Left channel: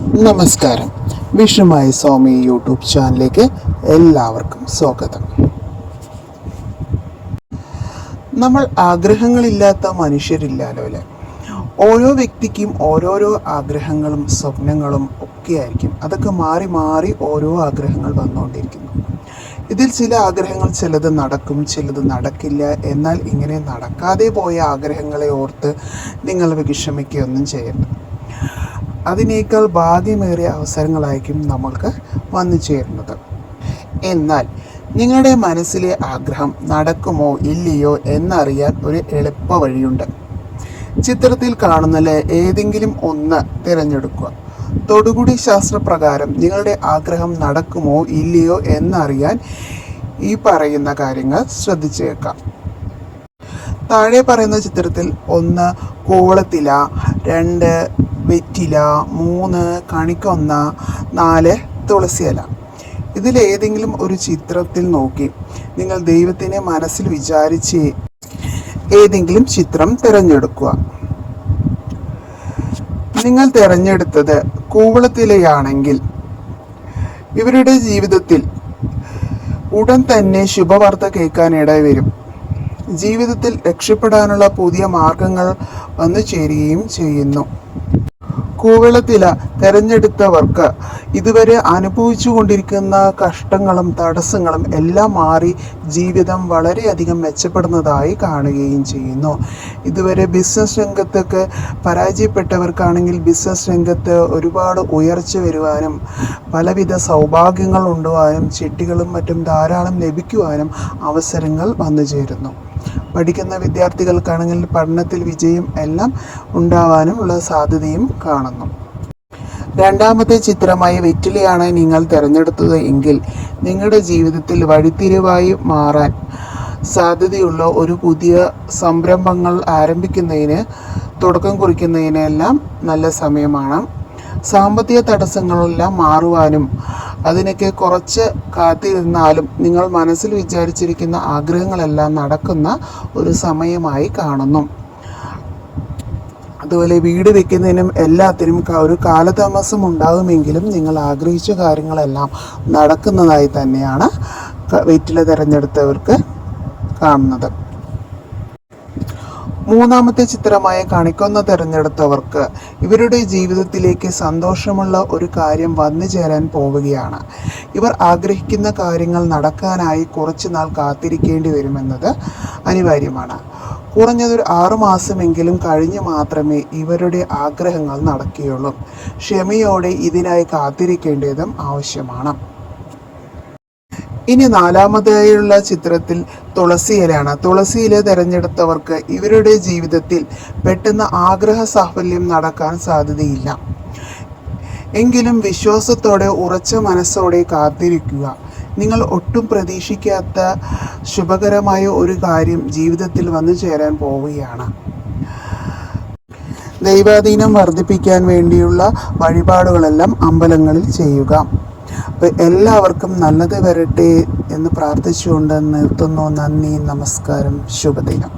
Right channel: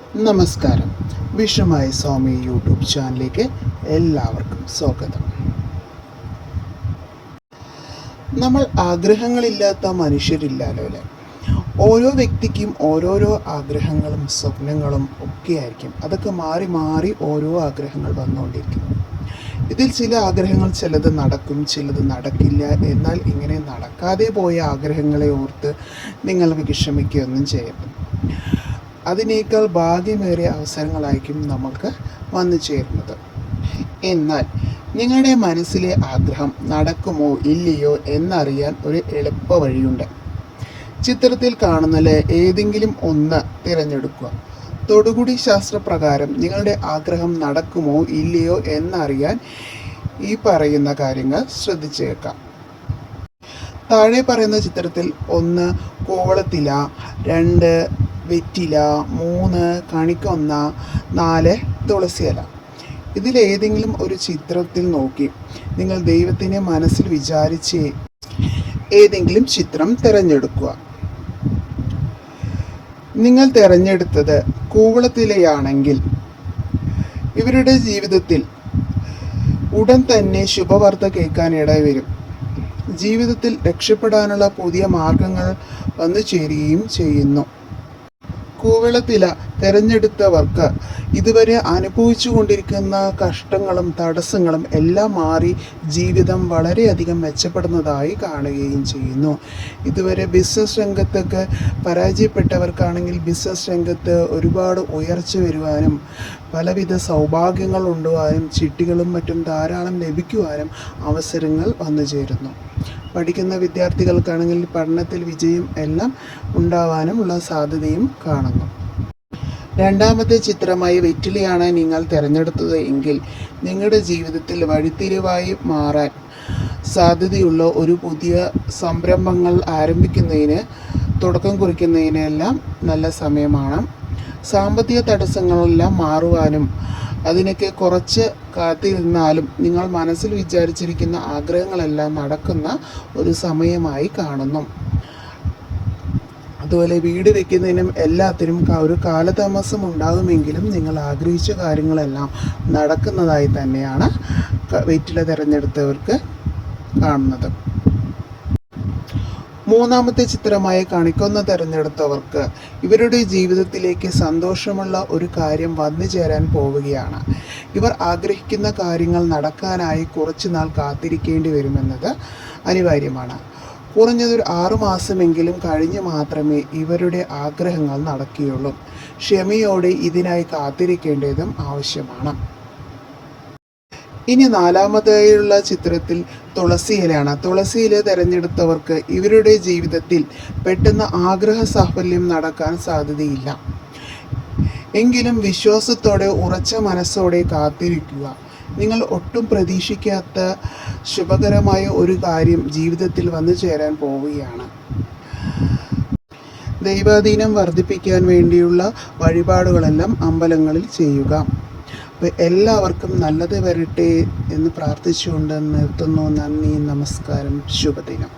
നമസ്കാരം. വിഷുമായി സ്വാമി യൂട്യൂബ് ചാനലിലേക്ക് എല്ലാവർക്കും സ്വാഗതം. നമ്മൾ ആഗ്രഹങ്ങളില്ലാത്ത മനുഷ്യരില്ലല്ലോ അല്ലേ? ഓരോ വ്യക്തിക്കും ഓരോരോ ആഗ്രഹങ്ങളും സ്വപ്നങ്ങളും ഒക്കെ ആയിരിക്കും. അതൊക്കെ മാറി മാറി ഓരോ ആഗ്രഹങ്ങൾ വന്നുകൊണ്ടിരിക്കുന്നു. ഇതിൽ ചില ആഗ്രഹങ്ങൾ ചിലത് നടക്കും, ചിലത് നടക്കില്ല. എന്നാൽ ഇങ്ങനെ നടക്കാതെ പോയ ആഗ്രഹങ്ങളെ ഓർത്ത് നിങ്ങൾ വിഷമിക്കുകയൊന്നും ചെയ്യരുത്. അതിനേക്കാൾ ഭാഗ്യമേറിയ അവസരങ്ങളായിരിക്കും നമുക്ക് വന്നു ചേരുന്നത്. എന്നാൽ നിങ്ങളുടെ മനസ്സിലെ ആഗ്രഹം നടക്കുമോ ഇല്ലയോ എന്നറിയാൻ ഒരു എളുപ്പ വഴിയുണ്ട്. ചിത്രത്തിൽ കാണുന്നതിലെ ഏതെങ്കിലും ഒന്ന് തിരഞ്ഞെടുക്കുക. തൊടുകുടി ശാസ്ത്രപ്രകാരം നിങ്ങളുടെ ആഗ്രഹം നടക്കുമോ ഇല്ലയോ എന്നറിയാൻ ഈ പറയുന്ന കാര്യങ്ങൾ ശ്രദ്ധിച്ചു കേൾക്കാം. താഴെ പറയുന്ന ചിത്രത്തിൽ 1 കൂവളത്തില, 2 വെറ്റില, 3 കണിക്കൊന്ന, 4 തുളസിയില. ഇതിലേതെങ്കിലും ഒരു ചിത്രത്തിൽ നോക്കി നിങ്ങൾ ദൈവത്തിനെ മനസ്സിൽ വിചാരിച്ച് ഏതെങ്കിലും ചിത്രം തിരഞ്ഞെടുക്കുക. നിങ്ങൾ തിരഞ്ഞെടുത്തത് കൂവളത്തിലയാണെങ്കിൽ ഇവരുടെ ജീവിതത്തിൽ ഉടൻ തന്നെ ശുഭവാർത്ത കേൾക്കാൻ ഇടവരും. ജീവിതത്തിൽ രക്ഷപ്പെടാനുള്ള പുതിയ മാർഗങ്ങൾ വന്നു ചേരുകയും ചെയ്യുന്നു. കൂവളത്തില തിരഞ്ഞെടുത്തവർക്ക് ഇതുവരെ അനുഭവിച്ചു കൊണ്ടിരിക്കുന്ന കഷ്ടങ്ങളും തടസ്സങ്ങളും എല്ലാം മാറി ജീവിതം വളരെയധികം മെച്ചപ്പെടുന്നതായി കാണുകയും ചെയ്യുന്നു. ഇതുവരെ ബിസിനസ് രംഗത്തൊക്കെ പരാജയപ്പെട്ടവർക്കാണെങ്കിൽ ബിസിനസ് രംഗത്ത് ഒരുപാട് ഉയർച്ച വരുവാനും പലവിധ സൗഭാഗ്യങ്ങൾ ഉണ്ടാവാനും ചിട്ടികളും മറ്റും ധാരാളം ലഭിക്കുവാനും അവസരങ്ങൾ വന്നു ചേരുന്നു. പഠിക്കുന്ന വിദ്യാർത്ഥികൾക്കാണെങ്കിൽ പഠനത്തിൽ വിജയം എല്ലാം ഉണ്ടാവാനുമുള്ള സാധ്യതയും കാണുന്നു. രണ്ടാമത്തെ ചിത്രമായി വെറ്റിലയാണ് നിങ്ങൾ തിരഞ്ഞെടുത്തത് എങ്കിൽ നിങ്ങളുടെ ജീവിതത്തിൽ വഴിത്തിരിവായി മാറാൻ സാധ്യതയുള്ള ഒരു പുതിയ സംരംഭങ്ങൾ ആരംഭിക്കുന്നതിന് തുടക്കം കുറിക്കുന്നതിനെല്ലാം നല്ല സമയമാണ്. സാമ്പത്തിക തടസ്സങ്ങളെല്ലാം മാറുവാനും അതിനൊക്കെ കുറച്ച് കാത്തിരുന്നാലും നിങ്ങൾ മനസ്സിൽ വിചാരിച്ചിരിക്കുന്ന ആഗ്രഹങ്ങളെല്ലാം നടക്കുന്ന ഒരു സമയമായി കാണുന്നു. അതുപോലെ വീട് വെക്കുന്നതിനും എല്ലാത്തിനും ഒരു കാലതാമസം ഉണ്ടാകുമെങ്കിലും നിങ്ങൾ ആഗ്രഹിച്ച കാര്യങ്ങളെല്ലാം നടക്കുന്നതായി തന്നെയാണ് വെറ്റില തിരഞ്ഞെടുത്തവർക്ക് കാണുന്നത്. മൂന്നാമത്തെ ചിത്രമായ കണിക്കൊന്ന തിരഞ്ഞെടുത്തവർക്ക് ഇവരുടെ ജീവിതത്തിലേക്ക് സന്തോഷമുള്ള ഒരു കാര്യം വന്നു ചേരാൻ പോവുകയാണ്. ഇവർ ആഗ്രഹിക്കുന്ന കാര്യങ്ങൾ നടക്കാനായി കുറച്ചു നാൾ കാത്തിരിക്കേണ്ടി വരുമെന്നത് അനിവാര്യമാണ്. കുറഞ്ഞതൊരു 6 മാസമെങ്കിലും കഴിഞ്ഞ് മാത്രമേ ഇവരുടെ ആഗ്രഹങ്ങൾ നടക്കുകയുള്ളൂ. ക്ഷമയോടെ ഇതിനായി കാത്തിരിക്കേണ്ടതും ആവശ്യമാണ്. ഇനി നാലാമതായുള്ള ചിത്രത്തിൽ തുളസിയിലാണ്. തുളസിയില തിരഞ്ഞെടുത്തവർക്ക് ഇവരുടെ ജീവിതത്തിൽ പെട്ടെന്ന് ആഗ്രഹ സാഫല്യം നടക്കാൻ സാധ്യതയില്ല. എങ്കിലും വിശ്വാസത്തോടെ ഉറച്ച മനസ്സോടെ കാത്തിരിക്കുക. നിങ്ങൾ ഒട്ടും പ്രതീക്ഷിക്കാത്ത ശുഭകരമായ ഒരു കാര്യം ജീവിതത്തിൽ വന്നു ചേരാൻ പോവുകയാണ്. ദൈവാധീനം വർദ്ധിപ്പിക്കാൻ വേണ്ടിയുള്ള വഴിപാടുകളെല്ലാം അമ്പലങ്ങളിൽ ചെയ്യുക. അപ്പോൾ എല്ലാവർക്കും നല്ലത് വരട്ടെ എന്ന് പ്രാർത്ഥിച്ചുകൊണ്ട് നിർത്തുന്നു. നന്ദി, നമസ്കാരം, ശുഭദിനം.